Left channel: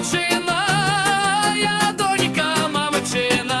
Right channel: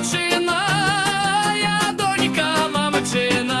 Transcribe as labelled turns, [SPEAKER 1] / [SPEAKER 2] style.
[SPEAKER 1] мамчина, я донька мамчина.